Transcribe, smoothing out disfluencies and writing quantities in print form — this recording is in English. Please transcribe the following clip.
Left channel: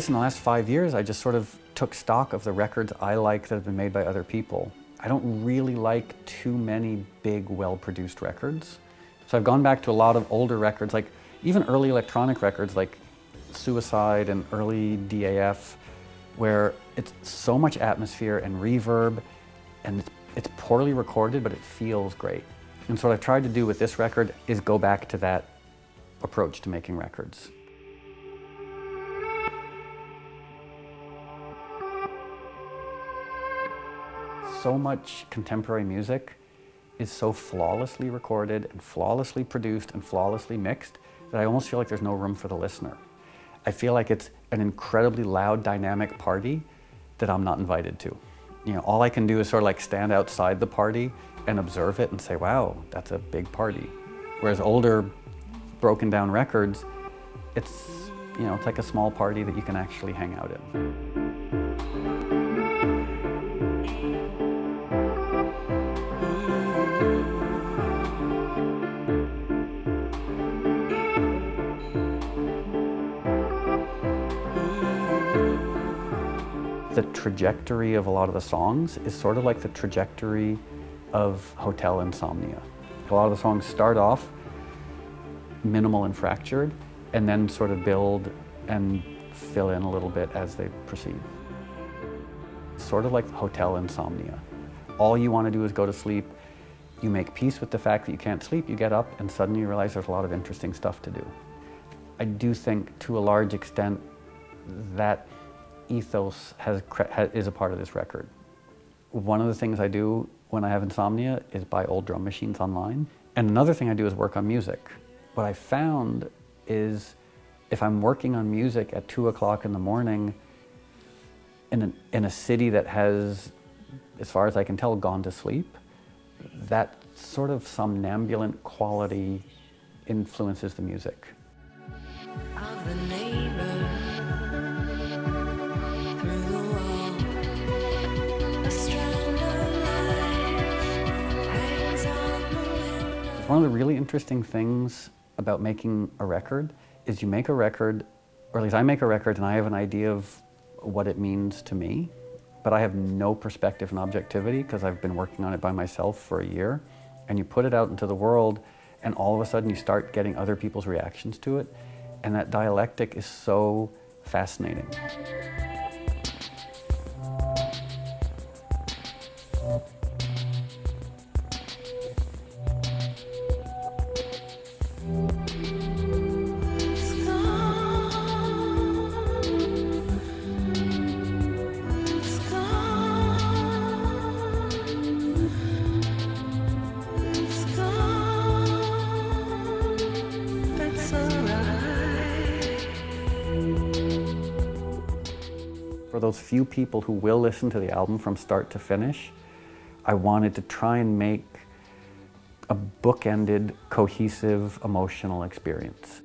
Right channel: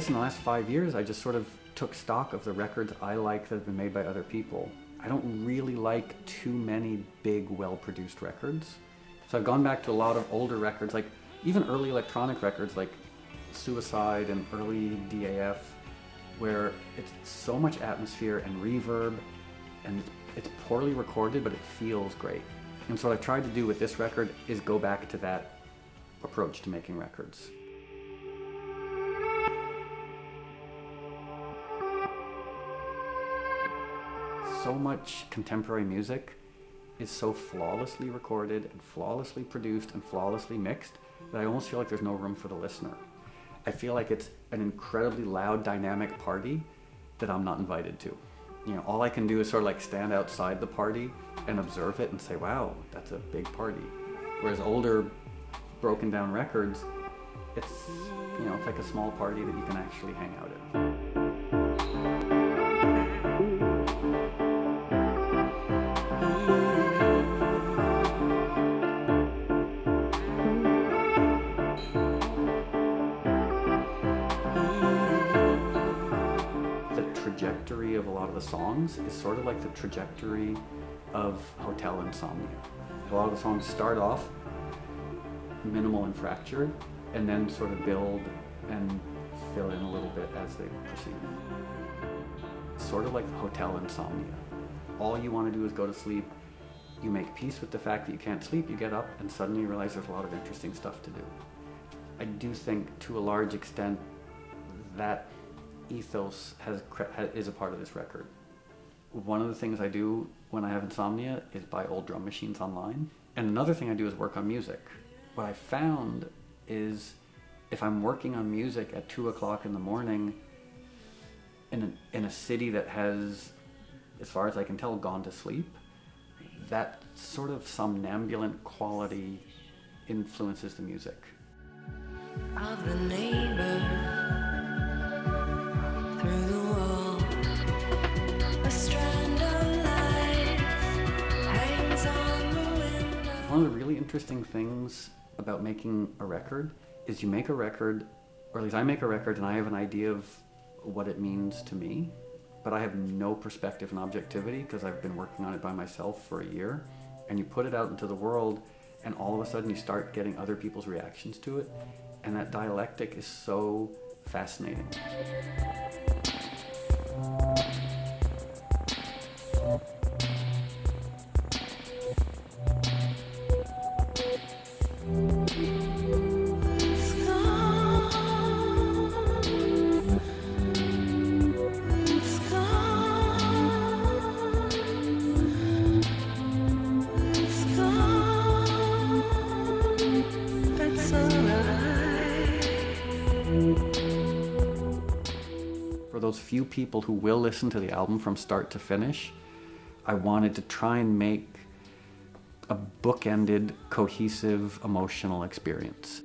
guess in the last 5 years, I just sort of took stock of the records I like that have been made by other people. I don't really like too many big, well-produced records. So I've gone back to a lot of older records, like even early electronic records like Suicide and early DAF, where it's so much atmosphere and reverb, and it's poorly recorded, but it feels great. And so what I've tried to do with this record is go back to that approach to making records. So much contemporary music is so flawlessly recorded and flawlessly produced and flawlessly mixed that I almost feel like there's no room for the listener. I feel like it's an incredibly loud, dynamic party that I'm not invited to. You know, all I can do is sort of like stand outside the party and observe it and say, wow, that's a big party. Whereas older, broken down records, it's, you know, it's like a small party that you can actually hang out in. The trajectory of a lot of the songs is sort of like the trajectory of hotel insomnia. A lot of the songs start off minimal and fractured, and then sort of build and fill in a little bit as they proceed. Sort of like the hotel insomnia. All you want to do is go to sleep. You make peace with the fact that you can't sleep, you get up, and suddenly you realize there's a lot of interesting stuff to do. I do think, to a large extent, that ethos is a part of this record. One of the things I do when I have insomnia is buy old drum machines online. And another thing I do is work on music. What I found is if I'm working on music at 2 o'clock in the morning in a city that has, as far as I can tell, gone to sleep, that sort of somnambulant quality influences the music. Of the neighbor through the wall, a strand of light hangs on the window. One of the really interesting things about making a record is you make a record, or at least I make a record, and I have an idea of what it means to me, but I have no perspective and objectivity because I've been working on it by myself for a year. And you put it out into the world, and all of a sudden you start getting other people's reactions to it, and that dialectic is so fascinating. For those few people who will listen to the album from start to finish, I wanted to try and make a bookended, cohesive, emotional experience.